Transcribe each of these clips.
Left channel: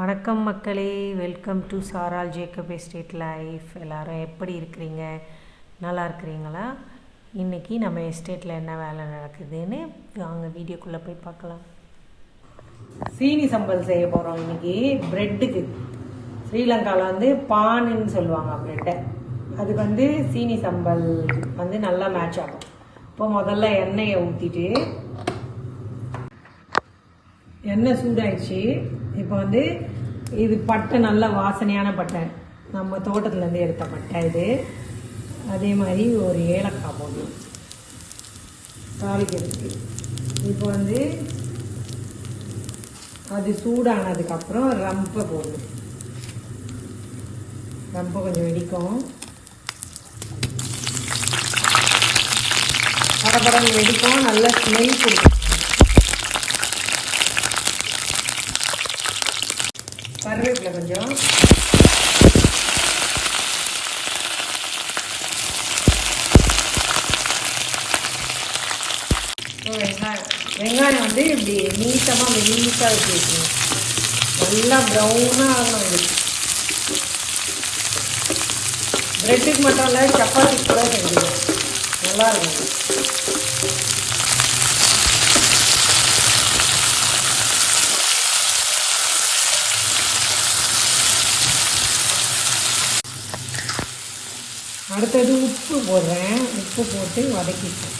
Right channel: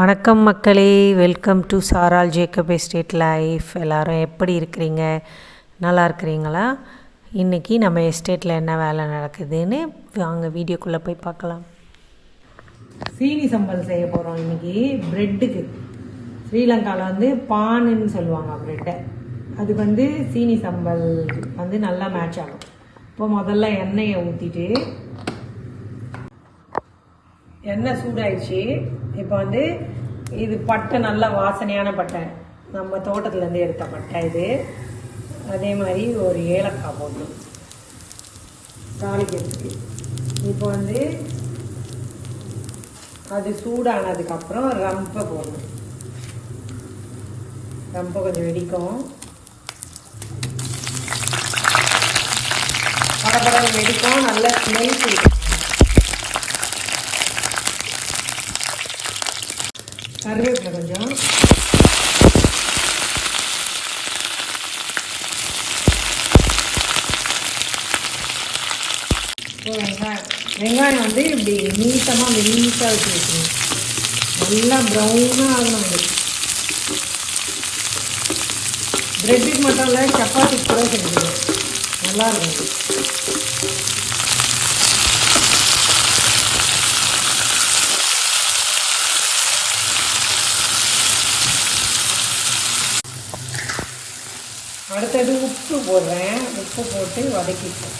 வணக்கம் மக்களே. Welcome to சாரால் ஜேக்கப் எஸ்டேட் லைஃப் எல்லாரும் எப்படி இருக்கிறீங்க? நல்லா இருக்கிறீங்களா? இன்றைக்கி நம்ம எஸ்டேட்டில் என்ன வேலை நடக்குதுன்னு வாங்க வீடியோக்குள்ளே போய் பார்க்கலாம். சீனி சம்பல் செய்ய போகிறோம் இன்றைக்கி ப்ரெட்டுக்கு ஸ்ரீலங்காவில் வந்து பானுன்னு சொல்லுவாங்க ப்ரெட்டை அது வந்து சீனி சம்பல் வந்து நல்லா மேட்ச் ஆகும். இப்போ முதல்ல எண்ணெயை ஊற்றிட்டு எண்ணெய் சூடாயிடுச்சு. இப்போ வந்து இது பட்டை நல்ல வாசனையான பட்டை. நம்ம தோட்டத்துலேருந்து எடுத்த பட்டை இது. அதே மாதிரி ஒரு ஏலக்காய் போடணும். தாளிக்கிறதுக்கு. இப்போ வந்து அது சூடானதுக்கப்புறம் ரம்பை போடணும். ரொம்ப கொஞ்சம் வெடிக்கும் படப்படம் வெடிக்கும் நல்ல ஸ்மெல் கொடுக்கும் கருவேப்பிலை கொஞ்சம் அப்புறம் வெங்காயம் வெங்காயம் வந்து இப்படி நீட்டமாக நீட்டாக வச்சு வைக்கணும் நல்லா ப்ரௌனாக ஆகணும் இது. ப்ரெட்டுக்கு மட்டும் இல்லை சப்பாத்திக்கு கூட செஞ்சுக்கலாம் நல்லா இருக்கும். அடுத்தது உப்பு போடுறேன். உப்பு போட்டு வதக்கிப்பேன்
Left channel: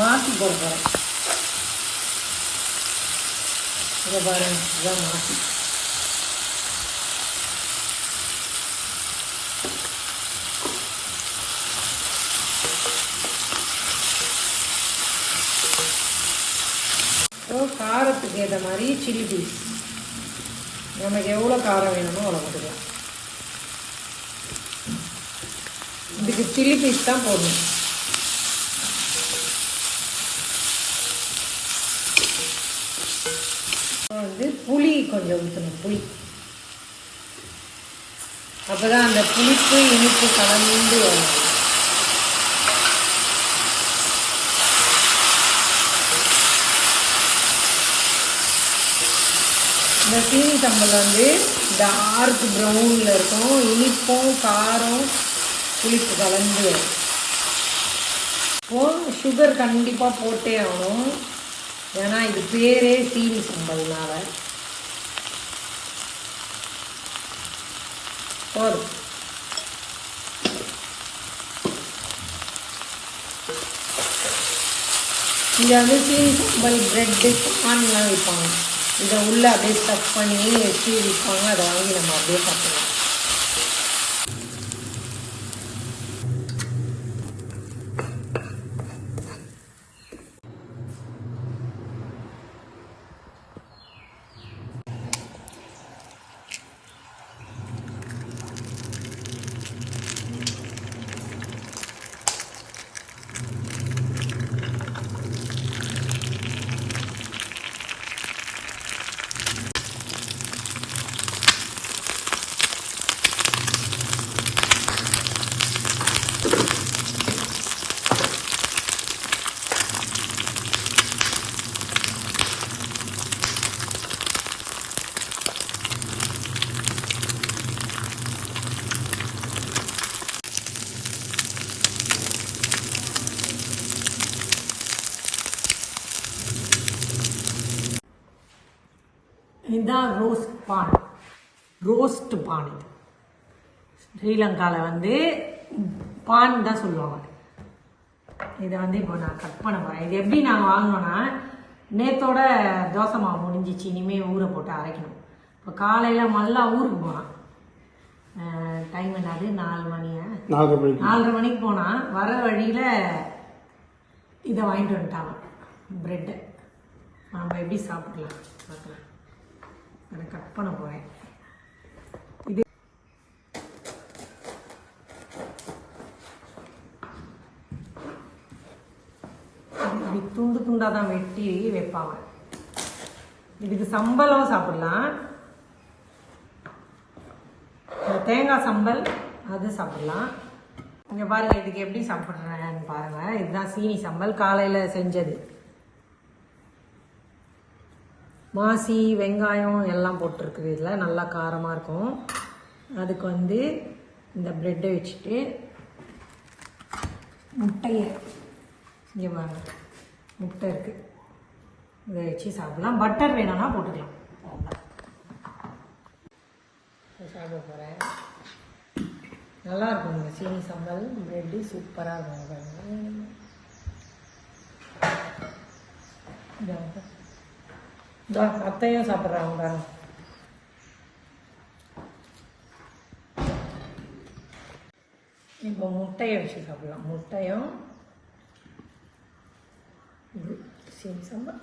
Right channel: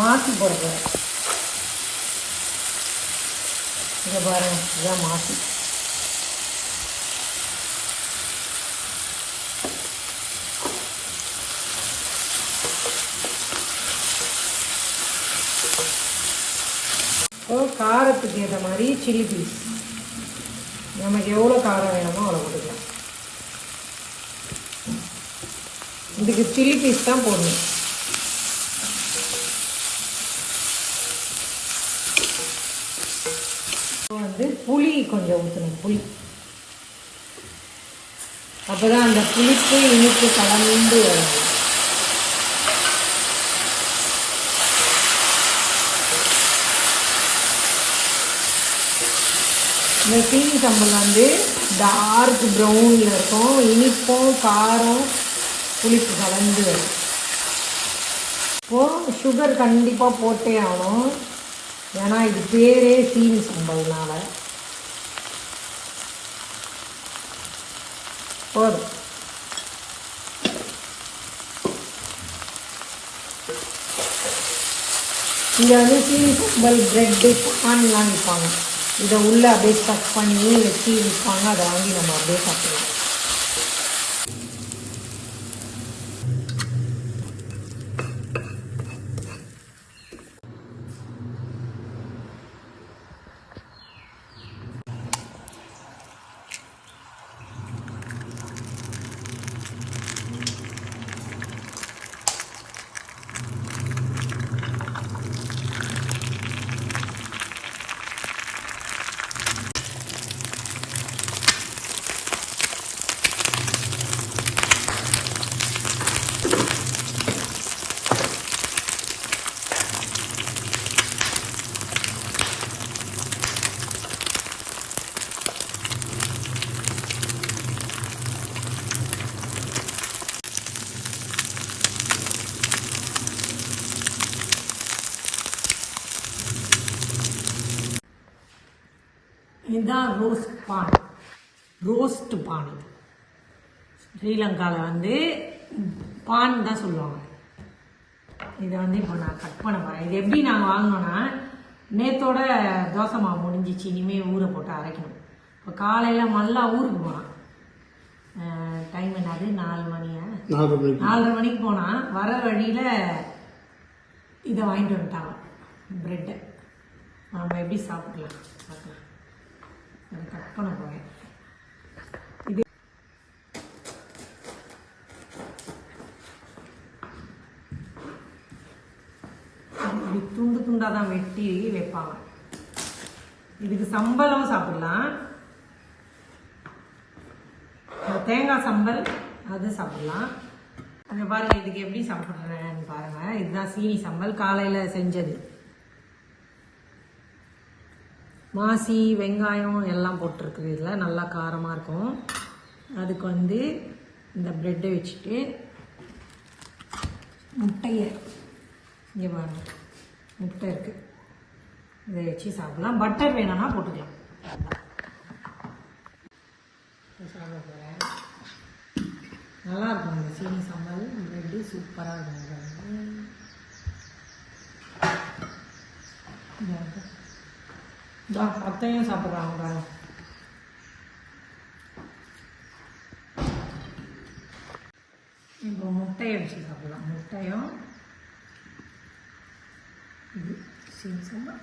மாற்றி போடுறேன் இதை பாருங்க இதான் மாற்றி. காரத்துக்கு ஏற்ற மாதிரி சில்லி பீஸ் நமக்கு எவ்வளோ காரம் வேணுமோ அவ்வளோ போட்டுக்கலாம் இதுக்கு சில்லி பீஸ் தான் போடணும் அப்புறம் வந்து புளி கொஞ்சம் ஊற்றணும் புளி அப்போதான் அந்த புளிப்பு இனிப்பு கலந்து வரும் இந்த சீனி சம்பல் வந்து டார்க் ப்ரௌனில் இருக்கும். இனிப்பும் காரம் புளிப்பு கலந்து இப்போது சுகர் கண்டிப்பாக போட்டே ஆகணும். ஏன்னா இது பேரே சீனி சம்பல்னால போதும் இங்கே வந்து சீனி சம்பல் ப்ரெட்டு பான்லாம் விற்பாங்க. இதை உள்ளே அப்படியே ஸ்டஃப் பண்ணி வச்சு விற்பாங்க. அதை வாங்கி நம்ம அப்படியே சாப்பிடலாம் இதுதான் ரோஸ்ட் பான். ரோஸ்ட் பான். இது ஸ்ரீலங்காவில் வந்து பான் தான் சொல்லுவாங்க. இதை வந்து இப்போ நான் கட் பண்ண போகிறேன் இது எப்படி நாங்கள் வாங்கினோன்னா நேத்தோட தோசை மாவு முடிஞ்சிச்சு இனிமேல் ஊற போட்டு அரைக்கணும். இப்போ காலையில் மல்லா ஊருக்கு போனான். டைம் என்னது? நாலு மணியா? நாலரை மணிக்கு. போனான். வர வழியில் இதை வாங்கிட்டு வந்துட்டாங்க ப்ரெட்டை நம்ம எப்படி சாப்பிடலாம்? பார்க்கலாம். இதை கட் பண்ண போகிறேன் இது இப்படி துண்டு துண்டாக தான் வெட்டி வைப்பாங்க. இதுக்கு சம்பளம் சாப்பிடலாம். தேங்காய் சம்பல் அது சாப்பிடலாம். இங்கே பாருங்கள் இதுக்கு எப்படி சாப்பிட்றேன்னு பாருங்கள் இதுதான் சீனி சம்பல். காலையில் செஞ்சது. மாசி வெங்காயம் எல்லாம் போட்டிருக்குது. இதில் நல்லா காரமாக இருக்கும். அதுக்கு வந்து இந்த ப்ரெட்டை வச்சுட்டு முட்டையை இங்கே பாருங்க. முட்டை இருக்குது இதை வச்சு சாப்பிடலாம். பட்டர் வேணும்னா போட்டுக்கலாம். சாப்பிட போகிறேன் நல்லா இருக்கும் இந்த சீனி சம்பல். ப்ரெட்டு சூப்பராக இருக்கும். பாருங்க. இதா அத்தையும் சாப்பிட்றாங்க பாருங்க. இப்போ முட்டையை வச்சு சாப்பிடலாம். முட்டையும் இது சீனி சம்பல்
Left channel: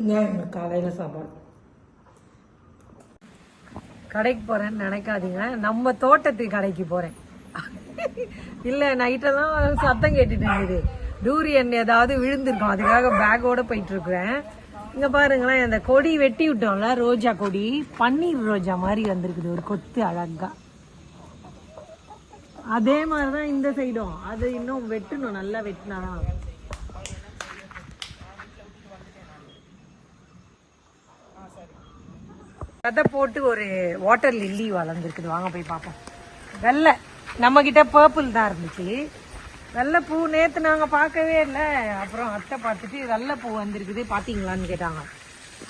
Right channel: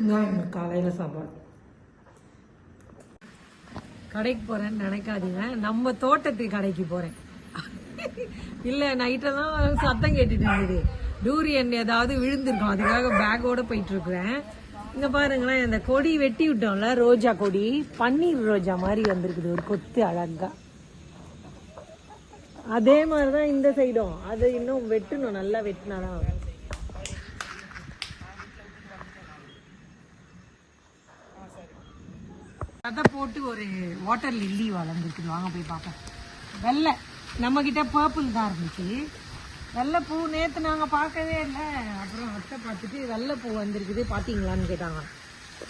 இதான் எங்கள் காலையில் சாப்பாடு. கடைக்கு போகிறேன்னு நினைக்காதீங்க. நம்ம தோட்டத்து கடைக்கு போகிறேன் இல்லை நைட்டெல்லாம் சத்தம் கேட்டுட்டு இருந்தது. டூரியன் ஏதாவது விழுந்திருக்கும். அதுக்காக பேக்கோட போயிட்டு இருக்கிறேன் இங்கே பாருங்களேன் இந்த கொடி வெட்டி விட்டோம்ல ரோஜா கொடி. பன்னீர் ரோஜா மாதிரி வந்திருக்குது ஒரு கொத்து அழகா. அதே மாதிரி தான் இந்த சைடும் அது இன்னும் வெட்டணும் நல்லா வெட்டினா கதை போட்டு ஒரு வாட்டர் லில்லி வளர்ந்துருக்குது. வாங்க போய் பார்ப்போம். வெள்ளை. நம்ம கிட்ட பர்பிள் தான் இருந்துச்சு. நல்ல பூ நேற்று நாங்கள் பார்க்கவே இல்லை. அப்புறம் அத்தை பார்த்துட்டு நல்ல பூ வந்திருக்குது. பார்த்தீங்களான்னு கேட்டாங்க.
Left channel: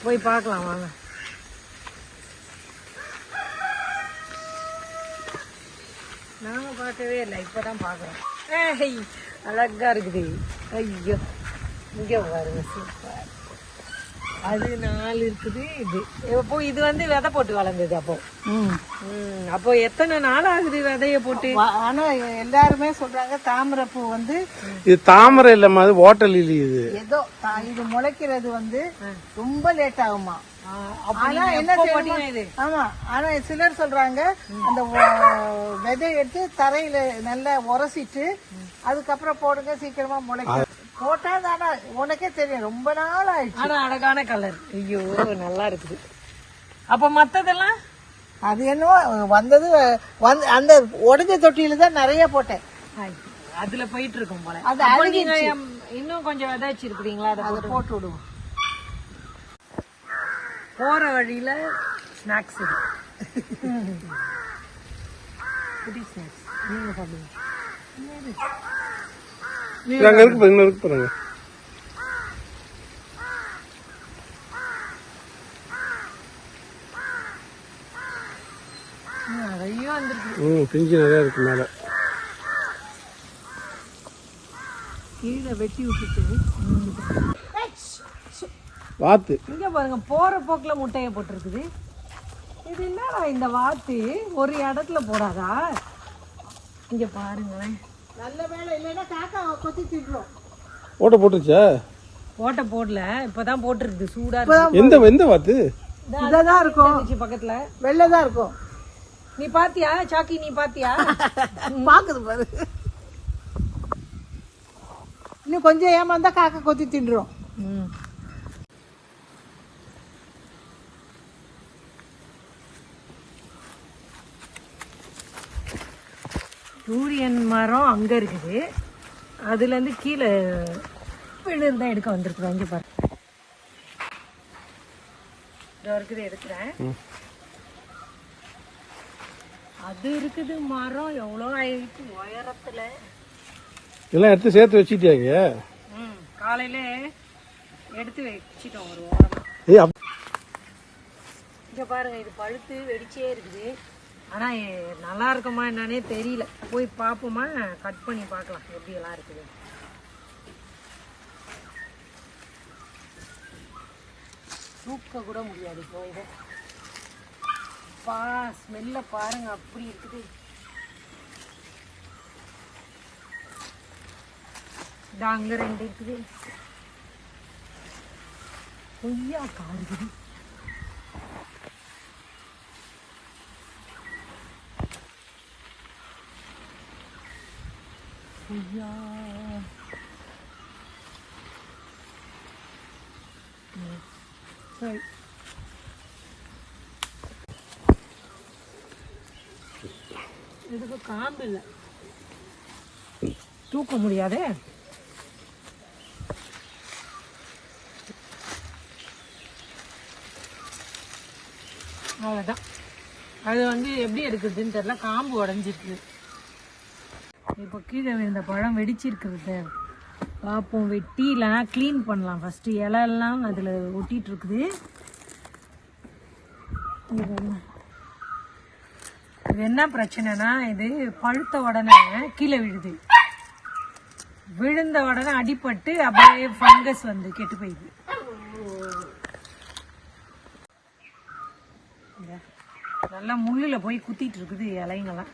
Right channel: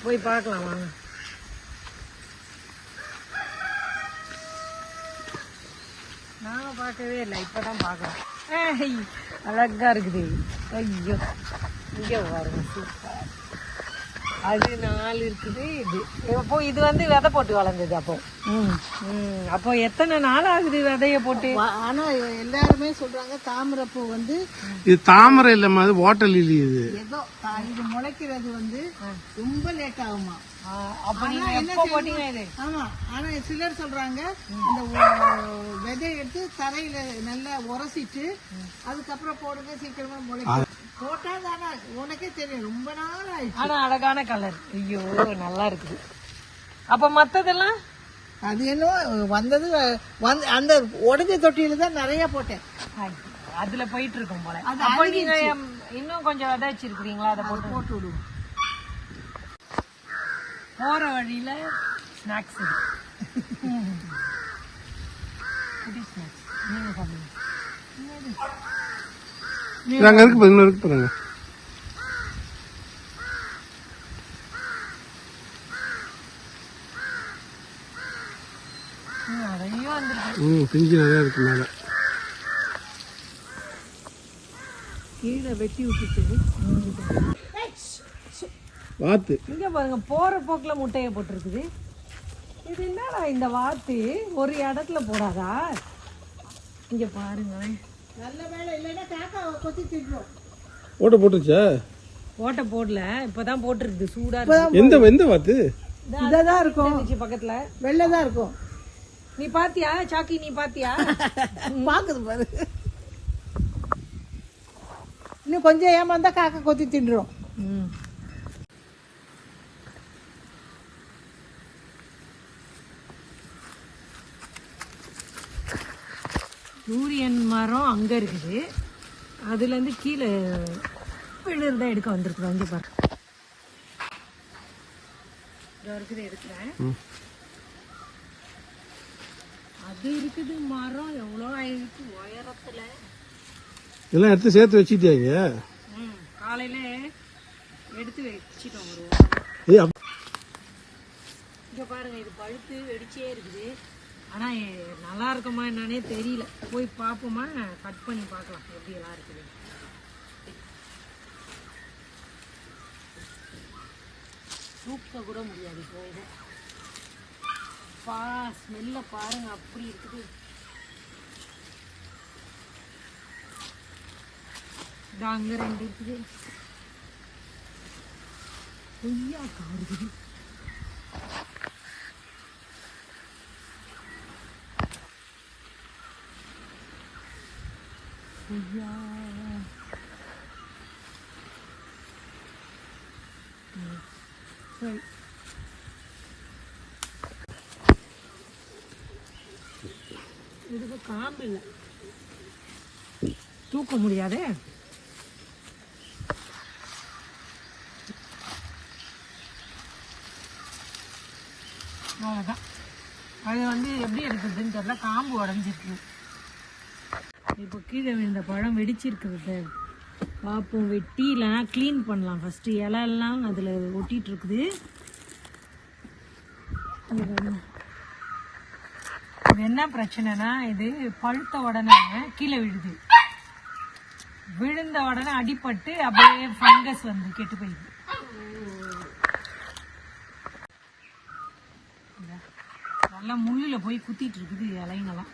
போய் பார்க்கலாம் வாங்க. நாங்கள் பார்க்கவே இல்லை. இப்போ தான் பார்க்குறோம். ஏய் அழகா இருக்குது. ஐயோ. இங்கே பாருங்க. சூப்பர் அது நாலு இருக்குது இது. இப்போ இது வந்து விதை போட்டு வளர்ந்தது அப்போ. ம். அப்போ எத்தனை நாள் ஆகுது விதைய போட்டு? ஆனா எல்லாருமே சொல்றாங்க தாமரை பூ வந்து இது தாமரை இல்லம்மா அது வாட்டர் லில்லி இது. ஏதோ இது முளைக்கிறது வந்து ரொம்ப லேட் ஆகுமா. ஆனா என்ன செய்யணுமா? ஆமா ஆனா சிலர் சொல்றாங்க அந்த விதைய எடுத்து தரையில நல்லா உரசிட்டு அதுக்கப்புறம் போடுங்க சீக்கிரமா முளைக்கும். போட்டா தானா உனக்கே தெரியும். ரொம்ப நாள் ஆயிடுச்சு ஆனா அழகான கலர் ஐயோ நல்லா இருக்குது. அப்ப மத்ததெல்லாம்? அது என்னவோ வந்தது வந்து அந்த உடஞ்ச தொட்டியில தான் நிறைய போட்டேன். அதுல போயிட்டு இருக்கும் போல. அது நீங்க இன்னும் கொஞ்சம் விதை வச்சிருக்கீங்களா அதை போட்டு விடுவோம். போற வழியில ஸ்நாக்ஸ் ஸ்நாக்ஸ் நீங்க சாப்பிடுங்க அங்க இருக்கு பாருங்க இருக்கு பாருங்க. ம், பிஞ்சு நிறைய இருக்கு மேல. கீழே வெட்டி விட்டுட்டு வாத்து. இங்க பாருங்க போற போக்குல முட்டைய போட்டிருக்குது. இது என்னடா இந்த வாத்து? ஒரு இடத்துல போடாதா? இங்க பாருங்களேன். நல்ல வேலை இல்லைன்னா காக்கா கொத்தி திட்டுரும் ஓட்ட போட்டுருச்சா? ஓட்டை போடல இப்பதான் போட்டிருக்குது சூடா இருக்கு. எந்த எந்த வாத்து? இதான் இருக்கும். பக்கத்துல. தான் இருக்கும். நீ பாத்தியா? சாக்கி நீ பாத்தியா? பாக்குது பாரு. இன்னும் கொஞ்சம் ஏமாந்தா காக்கா கொத்தி தின்றும். சூரியன் மரம் அங்க இருக்குது. அதுல இருந்து கீழே விழுந்து தான் எடுக்க வந்திருக்கிறோம் இங்க பாரு. இதோ இருக்குது எடுக்கிறேன். அது இருக்குது மரம். எவ்வளோ ஆயிடுச்சு உயரத்துல. எல்லாம் எடுத்து சேர்த்து வச்சிட்டியாங்க ம் காலையில எடுத்து வச்சிட்டோம் ஒரு ஓரமா. இங்க பாருங்க இது பழுத்து வெடிச்சே இருக்குது. ஆனால் நல்லா இருக்குமா என்னன்னே தெரியல. போய் பார்ப்போமா கட் பண்ணி பார்க்கலாம் எப்படி எல்லாம் இருக்குது. தூக்க கூட முடியாது போக பா ஸ்மெல்ல பாருங்க அப்படி இருக்குது. இதோ அங்க ரெண்டு இருக்குது. கொய்யா கார் ஐயா சரி இதுக்கு காம்பு இல்லை. தூக்க முடியாதே? அவ்வளோதான் அது வந்து எப்படி எடுக்குதுன்னு தெரில காம்பு உடஞ்சிருக்கு. இப்போ கீழே விழுந்த பழம் வெடிச்சிருக்குது பார்ப்போம் வெட்டி இல்லைனா க்ளீன் பண்ணலாம். ஃபஸ்ட்டு இலையெல்லாம் அதில் ஒட்டிகிட்ருக்குது இது என்ன? பிரச்சனைனா இது பழுத்த உடனே கீழே விழுது. விழுந்த உடனே அடிபட்டு அப்படியே ஃபங்கஸ் வந்து கெட்டு போயிடுது. நல்லா முள்ளில் போய் குத்திட்டு இருக்குது இலைங்கெல்லாம்.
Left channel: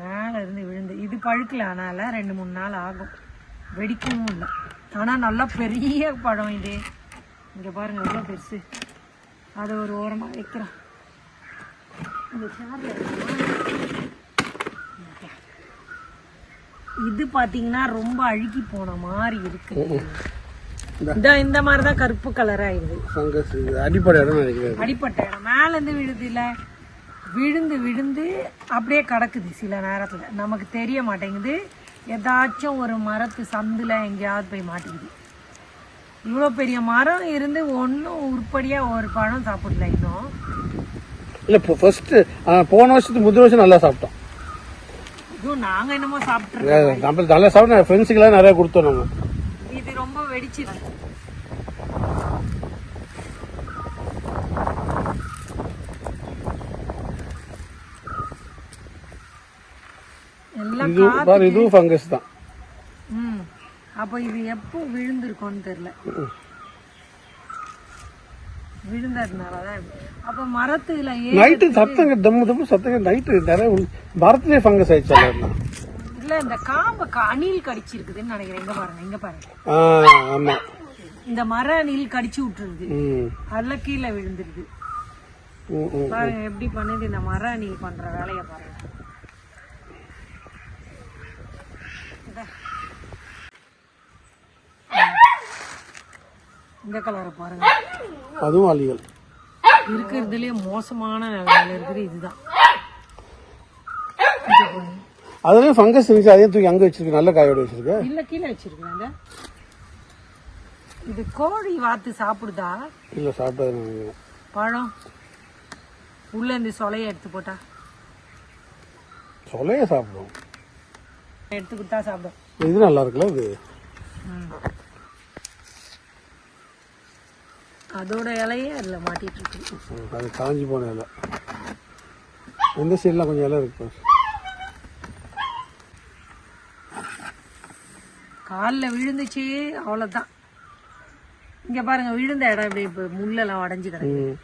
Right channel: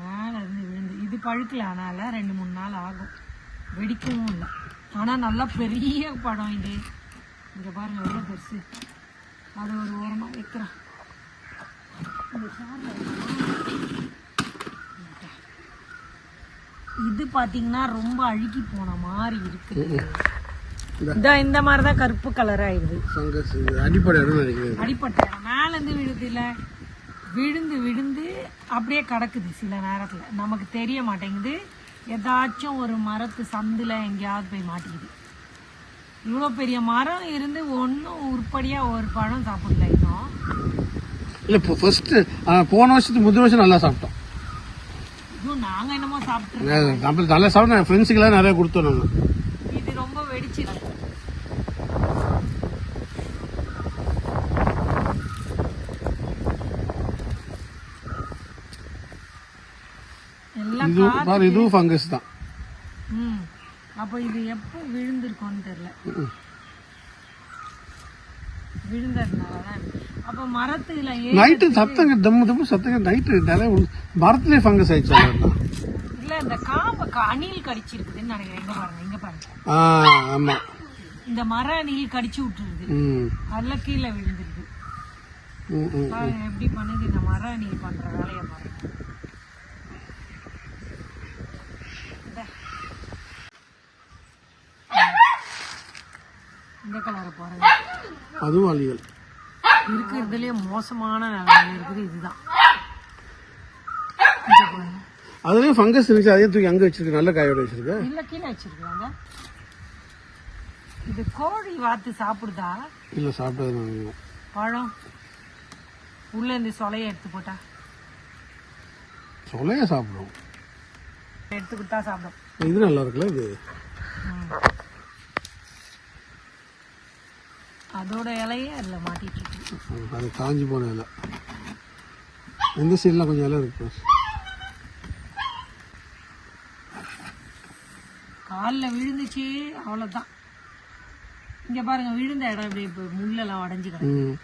மேலே இருந்து விழுந்து. இது பழுக்கல ஆனால ரெண்டு மூணு நாள் ஆகும். வெடிக்கவும் இல்லை. ஆனால் நல்லா பெரிய பழம் இது. இங்கே பாருங்க எவ்வளோ பெருசு. அதை ஒரு ஓரமாக சார்ல இது பாத்தீங்கன்னா ரொம்ப அழுகி போன மாதிரி இருக்கு. இந்த இந்த மாதிரி தான் கருப்பு கலர் ஆயிடுது அடிப்பட்ட இடம். மேல இருந்து விழுது இல்ல விழுந்து விழுந்து அப்படியே கிடக்குது சில நேரத்துல. நமக்கு தெரிய மாட்டேங்குது. ஏதாச்சும் ஒரு மரத்து சந்துல எங்கேயாவது போய் மாட்டிக்குது. இவ்வளோ பெரிய மரம் இருந்து ஒன்றும் உருப்படியாக ஒரு பழம் சாப்பிடல இன்னும். இல்லை இப்போ ஃபர்ஸ்ட் போன வருஷத்துக்கு முந்தின வருஷம் நல்லா சாப்பிட்டோம். இதுவும் நாங்கள் என்னமோ சாப்பிட்ருக்கோம் நம்ம நல்லா சாப்பிட்டோம். ஃப்ரெண்ட்ஸுக்கெல்லாம் நிறைய கொடுத்தோம் நம்ம இது ரொம்ப வெடிச்சு எல்லாம் இது பாரு இதுவும் ஃபங்கஸ் தான். ம். அப்போ இது எப்போ விழுந்திருக்கோன்னு தெரியல. விழுந்ததுனால தான் இப்படி. அப்போ மரத்துல நைட்டு சத்தங்க தம்மு தம்மு சத்தங்க நைட்டு நிறைய மரத்துலேயே ஃபங்கஸ் ஆயிடுச்சு எல்லாம் இல்ல இந்த காம்பை க- அணில் கடிச்சிருக்குதுன்னு நினைக்கிறேன். எங்க பாருங்க இங்க பாருங்க. ஆ இந்த மர அணில் கடிச்சு விட்டுருது. அதில் கீழே விழுந்துருது. எப்படி பண்ணுது இந்த மர அணில் பண்ற வேலையை பாருங்க. இந்தா. கலரை பாருங்க. அதுவும் அழிகள் இருக்கிறதுலயே மோசமான நிலைமையில இருக்குது இதுதான். அதுலேயும் ஃபங்கஸ் இருந்துச்சு அதே தூக்கி அங்கே வச்சிருக்கு நல்ல காயோட வச்சிருக்கு. இல்ல கீழே வச்சிருக்காங்க இது கோழி வாத்து சாப்பிடுதா? இல்லை சாப்பிட்டது நான் பழம். உள்ள இந்த சொலைய எடுத்து போட்டா. சொலையே சாப்பிடுவோம். எடுத்துக்கிட்டா சாப்பிடும். இது நல்லா இருக்குல்ல இது? அதோட இலையே அதுல மாட்டிட்டு இருக்கு. அது காஞ்சி போன இலை. இந்த சைட்லாம் கொஞ்சம் இலை இருக்கு? காலில் விழுந்துச்சு அவ்வளவுதான். இங்க பாருங்க விழுந்த இடம் இப்படி இப்ப முள்ளெல்லாம் உடஞ்சி கிடக்கு ம்.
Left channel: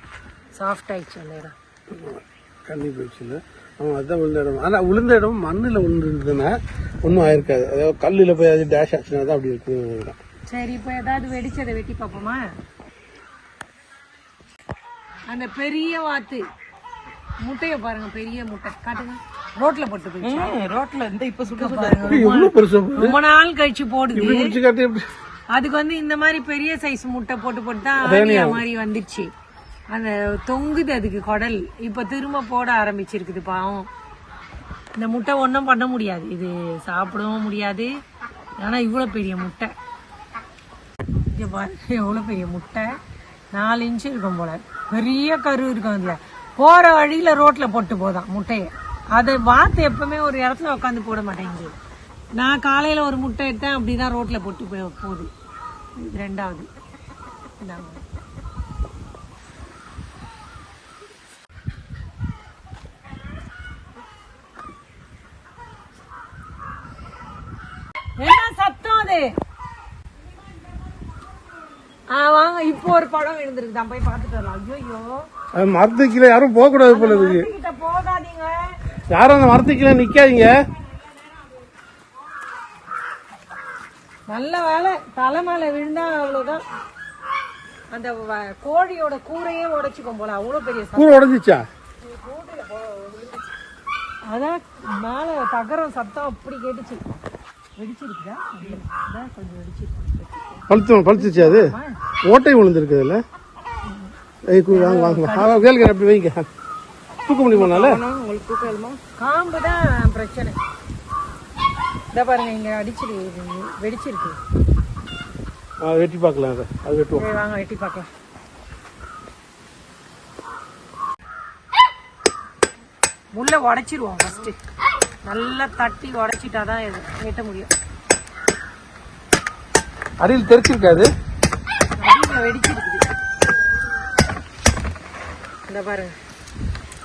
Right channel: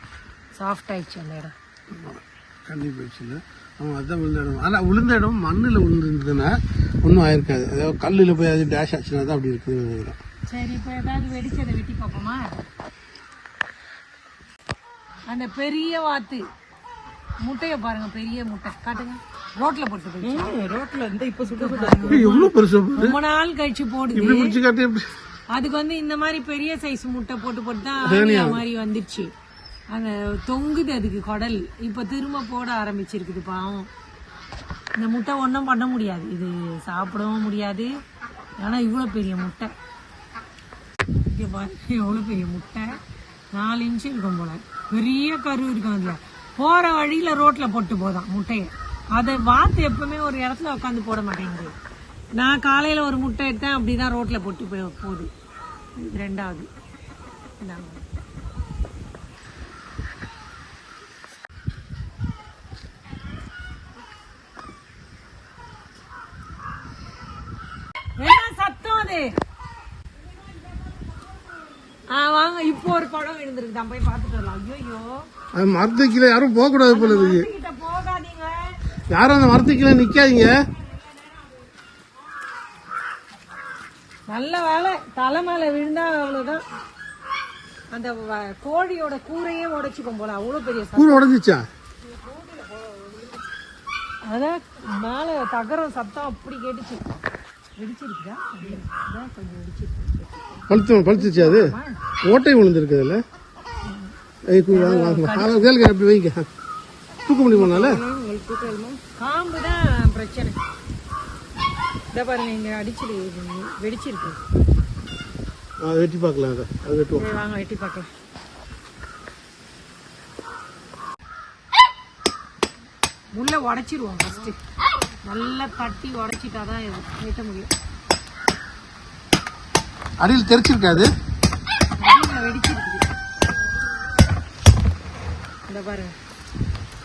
சாஃப்ட் ஆயிடுச்சு அந்த இடம். கண்ணி போயிடுச்சு இல்லை? ஆமாம் அதுதான் விழுந்த இடம். ஆனால் விழுந்த இடம் மண்ணில் விழுந்துருந்ததுன்னா ஒன்றும் ஆயிருக்காது. அதாவது கல்லில் போய் அது டேஷ் ஆச்சுன்னா தான் அப்படி இருக்குதுன்னு நினைக்கிறேன். சரி இப்போ ஏதாவது வெடிச்சதை வெட்டி பார்ப்போமா? அந்த பெரிய வாத்து. முட்டைய பாருங்க பெரிய முட்டை. காட்டுங்க. ரோட்ல போட்டு போயிடுச்சு ரோட்ல இருந்து இப்ப பாருங்க பெருசு ரொம்ப நாள் கழிச்சு போடுது. அதுக்கு வந்து இந்த மாதிரி பெரிய சைஸ் முட்டை போட்டு போட்டு தான் மாதிரி வந்துருச்சு அந்த தொங்குது அதுக்கு குடல். இப்ப திரும்ப போட ஆரம்பிச்சிருக்குது பாவம். இந்த முட்டை ஒன்றும் பண்ண முடியாது. இது சாப்பிடவும் முடியாது. ஆனால் இவ்வளோ பெரிய முட்டை. இங்கே பாருங்க எவ்வளோ பெரிய முட்டை. நாலு இன்ச்சு இருக்கும் போல. பெரிய கரு இருக்கும் அதில். போகிற வழியில் ரோட்டில் போட்டு போதான் முட்டையை. அதை வாத்து எப்பவுமே ஒரு இடத்துல உட்காந்து போட மாட்டேங்குது. நான் காலையில் ஒரு முட்டை எடுத்தேன் அப்படிதான் ரோட்டில் போட்டு போய் போகுது. இது ரெண்டாவது. இந்தாங்க. என்ன சத்தம் அது? ஆ வாங்க இப்போ ஒரு படம் விழுந்திருக்கு தான் போய் பார்த்துட்டு வரலாம். ஐயோ அது மரத்துக்கு கீழே யாரும் போகக்கூடாது போல இருக்கு. கிட்ட போகாதீங்க. யாரும் அந்த மரத்துக்கு கீழே நிற்காதீங்க நல்ல வேலை. தலை மேல விழுந்தா அவ்வளவுதான். அந்த கோழியோட கூரையே உடைச்சுக்கும் போல. அவ்வளவு பெரிய. கூரை உடஞ்சிச்சா? அதான் மேல தகரம் சத்தம் அப்படி கேட்டுச்சு. வெடிச்சிருக்குதா? கொஞ்சம் வெடிச்சிருக்கு பழுத்து பழுத்துச்சு அது? ஓட்டை விழுந்திருக்கு அதில். வாங்க வாங்க கேளுங்க அப்படி வைங்க. தூக்க முடியுமானால உங்களுக்கு தூக்கலுமா காம்பு தான் பிரச்சனை. இதை பாருங்க இங்க அடிச்சிரு வெடிச்சிருக்கு. வெட்டி பார்க்கலாம் அதை. அது வெட்டுவோம். வாங்க வெட்டி பார்க்கலாம். முள்ள உடைச்சிருவோம் ஃபர்ஸ்ட் நல்லா தட்டி உடைச்சிட்டா தான் இது. வெட்ட முடியும். அடியில் தெரிச்சிருக்காது? அடியில் வெடிச்சிருக்குது. இந்த பாருங்க.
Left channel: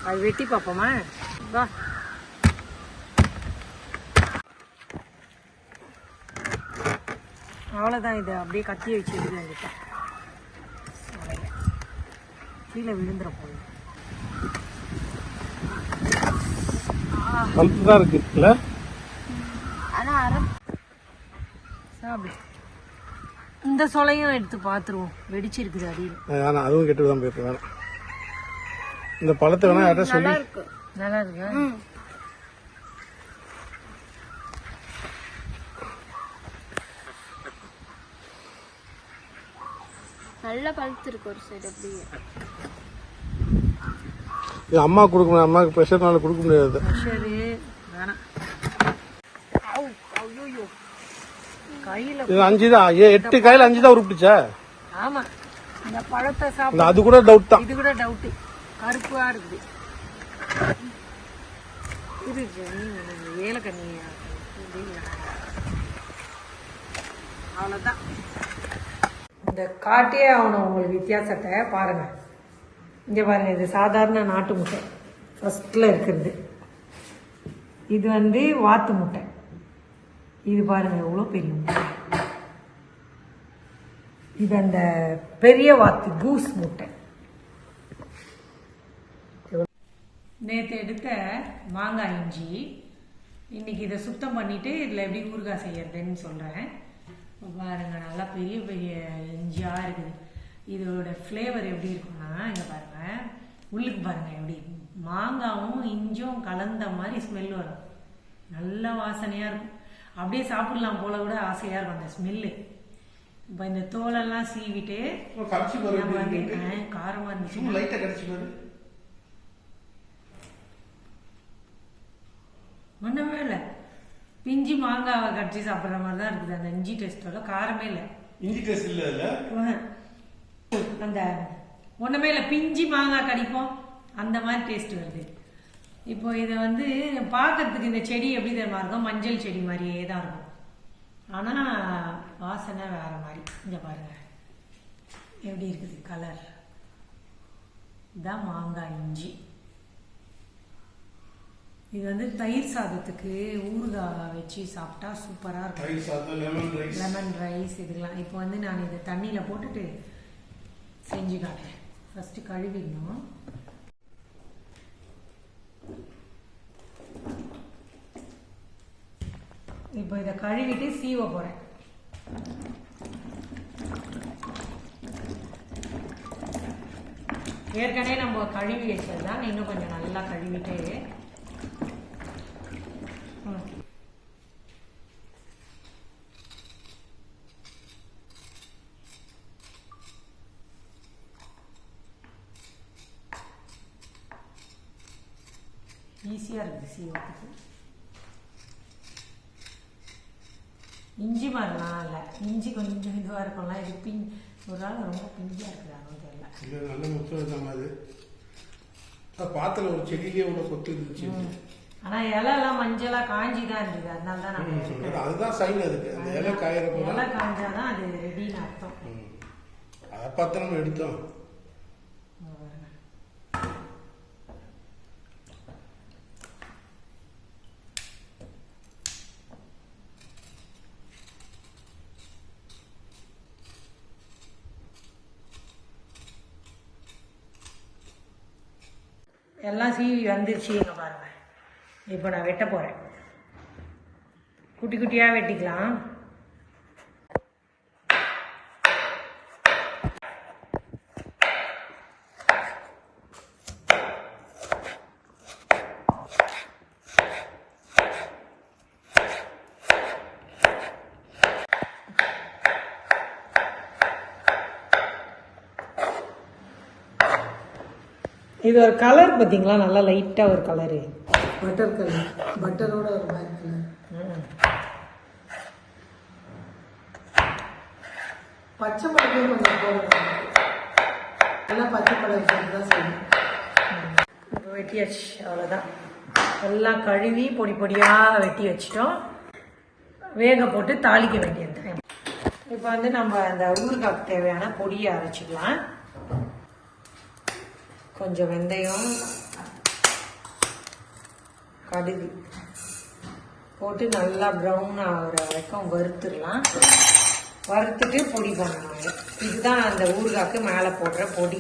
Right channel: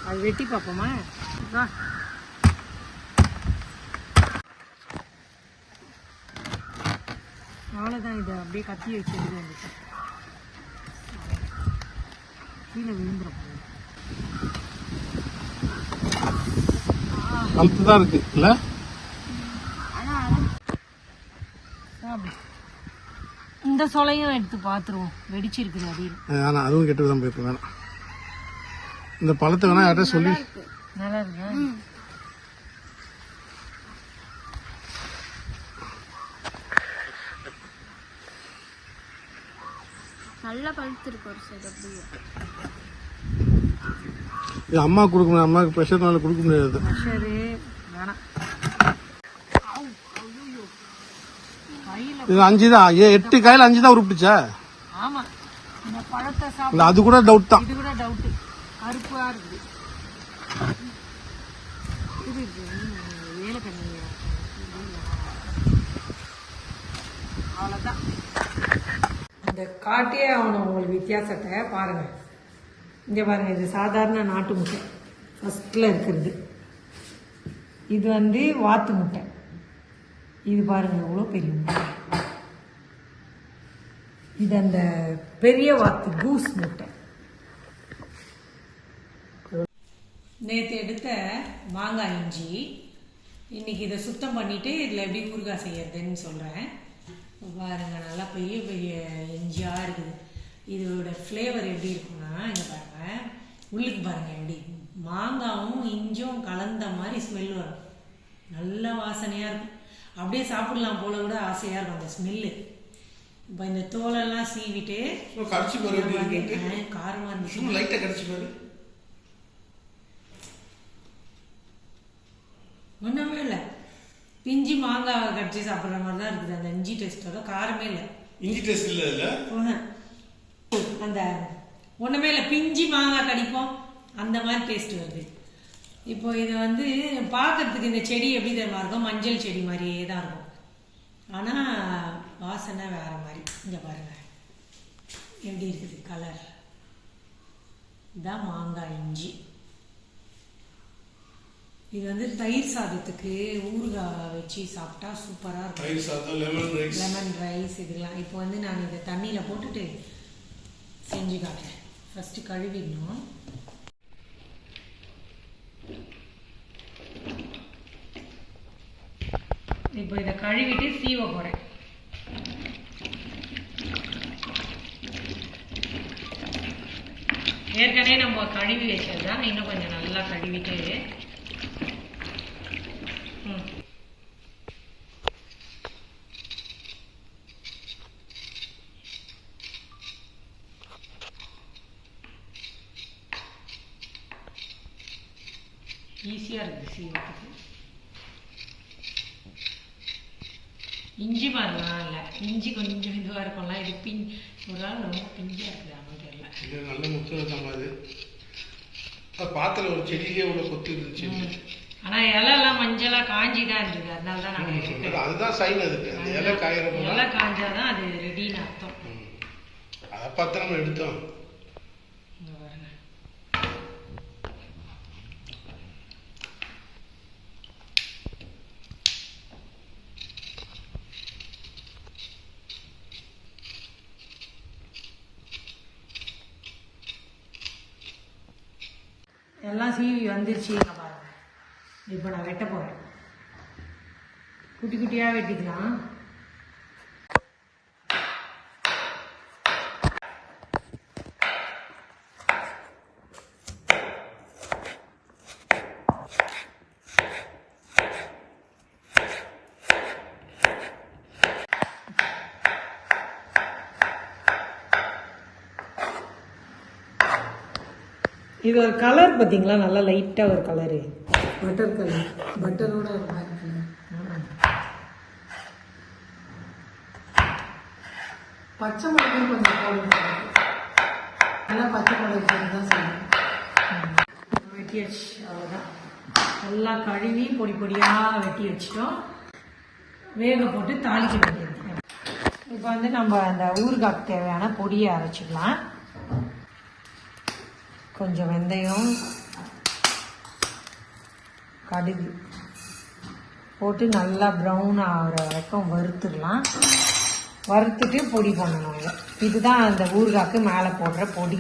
அது வெட்டி பார்ப்போமா வா. அவ்வளோதான் இது. அப்படியே கத்தி வச்சுருது என்கிட்ட. கீழே விழுந்துற அந்த தான் இருக்கு இல்ல இந்த சொலையும் எடுத்து பார்த்துருவோம் வெடிச்சிருக்குது அடியில் வேணாம் அதுவும் கெட்டு தான் போயிருக்கும் வேணாம். இந்த பழத்தை வேணா யார்கிட்ட சொல்லி நல்லா இருக்கு. நல்லா பழுத்திருக்கு ஒரு சைடு அப்படியே. இது அம்மா கொடுக்க முடியாது அம்மாவுக்கு ப்ரெஷர்னால கொடுக்க முடியாது. இது அஞ்சு தான் ஏ- எட்டு காயில் அஞ்சு தான் உருப்பிச்சா ஆமா. இந்த பழத்தை சாப்பிட இல்ல அது கூட டவுட் தான். இது கூட டவுட்டு கருப்பா இருக்குது. இந்த காட்டியே ஆகணும் உங்களுக்கு வித்தியாசத்தை பாருங்க. இங்கே பாருங்கள் இது சாதாரண நாட்டு முட்டை. ஃபஸ்ட்டில் இருக்கிறது. இது வந்து வாத்து முட்டை. இது பாருங்கள் எவ்வளோ பெரிய முட்டை. இது அந்த பெரிய வாத்து கூஸ் முட்டை. நேற்று எடுத்த மாங்காய் இஞ்சி இன்னைக்கு இதை சுத்தம் பண்ணிவிட்டு இதில் எப்படி ஊறுகாய் செய்யறதுன்னு சொல்கிறேன் பாருங்கள் நல்லா பெரிய பெரிய இஞ்சியாக இருக்குது. இதோட ஃப்ளேவர் எப்படி இருக்கும்னா இங்கே பாருங்க. உள்ளுக்கு பாருங்க எப்படி மாங்காவும் இஞ்சும் கலந்த மாதிரி ஸ்மெல் வரும். நல்ல வாசனையாக இருக்கும். அப்படியே சாப்பிடலாம் போல கூட ஆசையாக இருக்கும் அந்த ஸ்மெல்லு இப்போ இந்த தோலெல்லாம் சீவிட்டு கடிச்சு நம்ம வந்து ஆ, காரமா இருந்துச்சு. ஒன்றுமே இல்லை. பிஞ்சி மாங்காவை கடிச்சு சாப்பிட்ற மாதிரி தான் இருக்குது. அந்த இஞ்சி டேஸ்ட்டோட காரமே இல்லை. இஞ்சி டேஸ்ட் இல்ல. அந்த ஒன்றுமே இல்லை பிஞ்சி மாங்காய் கடிப்போம். அந்த மாதிரி டேஸ்ட் வருது. இப்போ இதை வந்து பார்க்கறதுக்கு இந்த செடி எப்படி தெரியுமா இருக்கும்? மஞ்சள் செடி மாதிரியே தான் இருக்கும். ஆனால் வாசனை வேற மாதிரி. இங்கே பாருங்க. எப்படி இருக்குது கலர் இதான் மாங்காய் இஞ்சி. இது வந்து தயிர் சாதத்துக்கு ஊறுகாய் வச்சு சாப்பிட்டா சூப்பராக இருக்கும். லெமன் ரைஸ் இதெல்லாம் இப்போ வந்து நான் இதை தண்ணியில் போட்டுட்டு செஞ்சு காட்டுறேன் ஃபஸ்ட்டு கழுவிடணும். இப்போ இதை கழுவிட்டு சீவ போகிறேன் ஏற்கனவே நம்ம கழுவி வச்சது தான் இன்னும் கொஞ்சம் நல்லா கழுவிட்டு ம் ஈஸியாக இருக்குது சீவத்துக்கு இஞ்சி மாதிரிலாம் இஞ்சி கொஞ்சம் இதுவாக இருக்கும்ல இது பின் ஒரு நாள் ரொம்ப பிஞ்சாக இருக்குது ஆனால் தெரியல. நல்ல முக்கியம் அது. பாத்துல ஒரு செடியிலே உள்ள கொத்து இருந்துச்சு. ஆனால் இலைலாம் மஞ்சளாக காஞ்சி தான் இருந்தது அதனால தான் எடுக்கிறோம் அதுதான் சைன் அதுக்கு இலை காயறப்ப இலை காஞ்சாதான் அது ரெடின்னு அர்த்தம். அதை பார்த்து நம்ம எடுத்தோம் இங்க பாருங்க எல்லாம் சீவி வந்துருச்சு இங்கே பாருங்கள் இப்போ நான் வெட்ட போகிறேன் குட்டி குட்டியாக வெட்டிக்கலாம். இது ஒரு கலர் பார்த்தீங்களா? நல்லா லைட்டாக ஒரு கலரு பட்டர் கலர் பட்டரோட பச்சை மிளகையும் கொஞ்சம் போடணும் எல்லாம் பச்சை மிளகு சேர்த்து தான் செய்யணும். வெட்டியாச்சு அவ்வளோதான் எல்லாம் கழுவி பொடி பொடியாக வெட்டி வச்சிட்டோம். வேக போட்டு தாளிக்க வேண்டியது இப்போ வந்து நம்ம அந்த ஊறுகாய்க்கு தேவையான பொடியை அரைச்சிக்கலாம். கொஞ்சம் வெந்தயம் கடுகு போட்டு நல்லா ப்ரௌன் ஆகிற வரைக்கும் வறுத்துடலாம். வறுத்துட்டு பொடி பண்ணணும் இதுதான் அந்த ஊறுகாய்க்கு மேலே போடுற பொடி.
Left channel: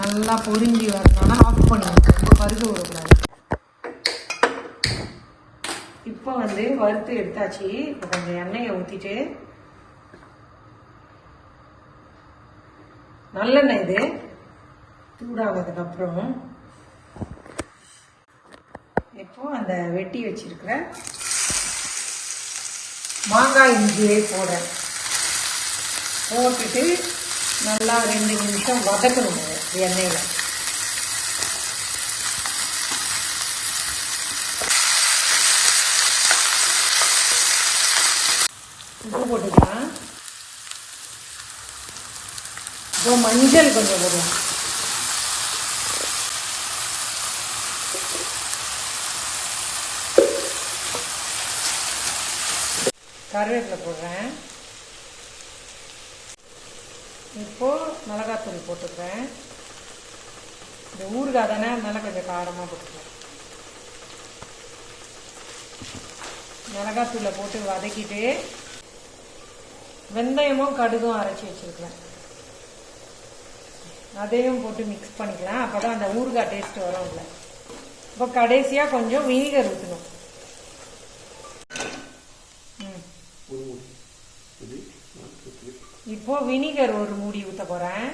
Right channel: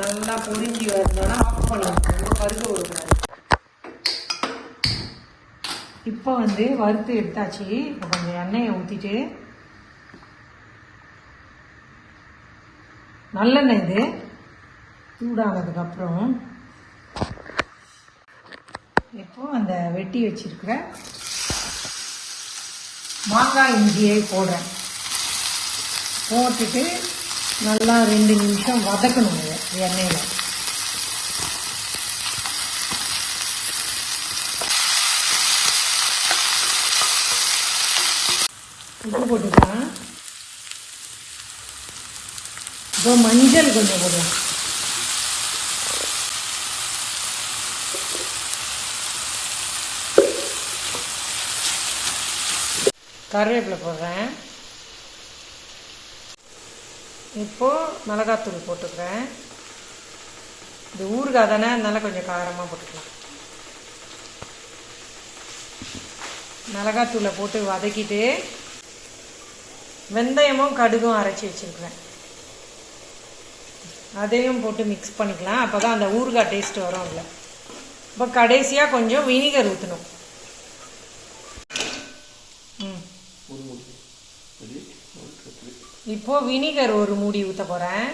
நல்லா பொரிஞ்சு வரணும்னா ஆஃப் பண்ணுவாங்க கருது விடக்கூடாது இப்போ வந்து வறுத்து எடுத்தாச்சு. இப்போ கொஞ்சம் எண்ணெயை ஊற்றிட்டு நல்லெண்ணெய் இது சூடானதுக்கப்புறம் இப்போ அந்த வெட்டி வச்சிருக்கிற மாங்காய் இஞ்சியை போடுறேன். போட்டுட்டு நல்லா ரெண்டு நிமிஷம் வதக்கணும் எண்ணெயில் உப்பு போட்டுக்கலாம் இப்போ மஞ்சள் கொஞ்சம் போடுவோம் கருவேப்பிலை போடுறேன். இப்போ மிளகாத்தூள் போட்டுக்கிறேன். இந்த ஊறுகாய் தானே அதனால கொஞ்சம் காரமாக போட்டுக்கலாம். மிளகாத்தூளை போட்டு வதக்கிட்டு வெந்தயமும் கடுகும் அரைச்சி வச்சிருக்கிறேன். அதையும் போட்டு மிக்ஸ் பண்ணிக்கலாம். அப்போ தான் அந்த ஊறுகாய் டேஸ்ட் வரும் அதில் இப்போ கடைசியாக கொஞ்சம் வினிகர் ஊற்றணும் ம். இப்போ வினிகர் ஒரு மூடி ஊற்ற போகிறேன்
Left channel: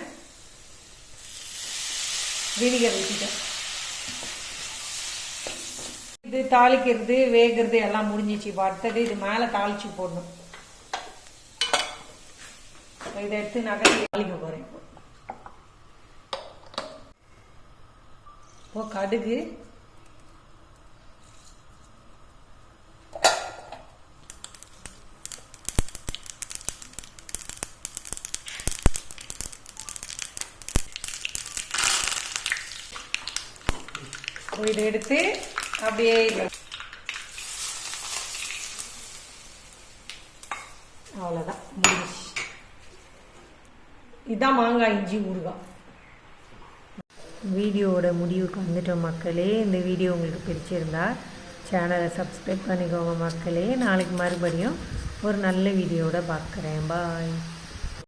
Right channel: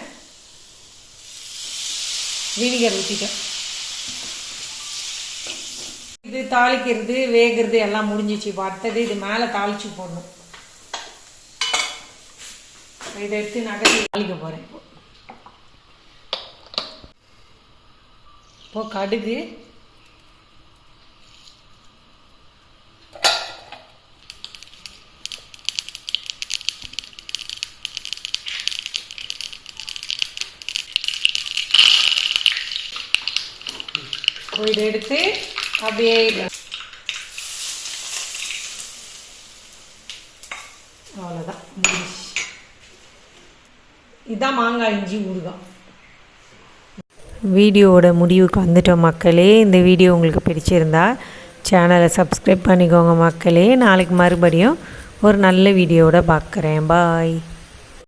வினிகர் ஊற்றிட்டேன் இது தாளிக்கிறது வேகிறது எல்லாம் முடிஞ்சிச்சு. இப்போ அடுத்தது இது மேலே தாளிச்சு போடணும். இதை எடுத்து நகை தாளிக்க போகிறேன் இப்போ கடுகு. இதை எடுத்து அப்படியே அவ்வளோதான் இதுதான் மாங்காய் இஞ்சி ஊறுகாய். வீடியோவோட முடிவுக்கு வந்துட்டோம் மக்களே. இந்த வீடியோ உங்களுக்கு பிடிச்சிருந்தா சேனலை சப்ஸ்கிரைப் பண்ணிக்கோங்க மக்களே. நாளைக்கு மறுபடியும் ஒரு நல்ல வீடியோவோட பார்க்குறேன். பாய்.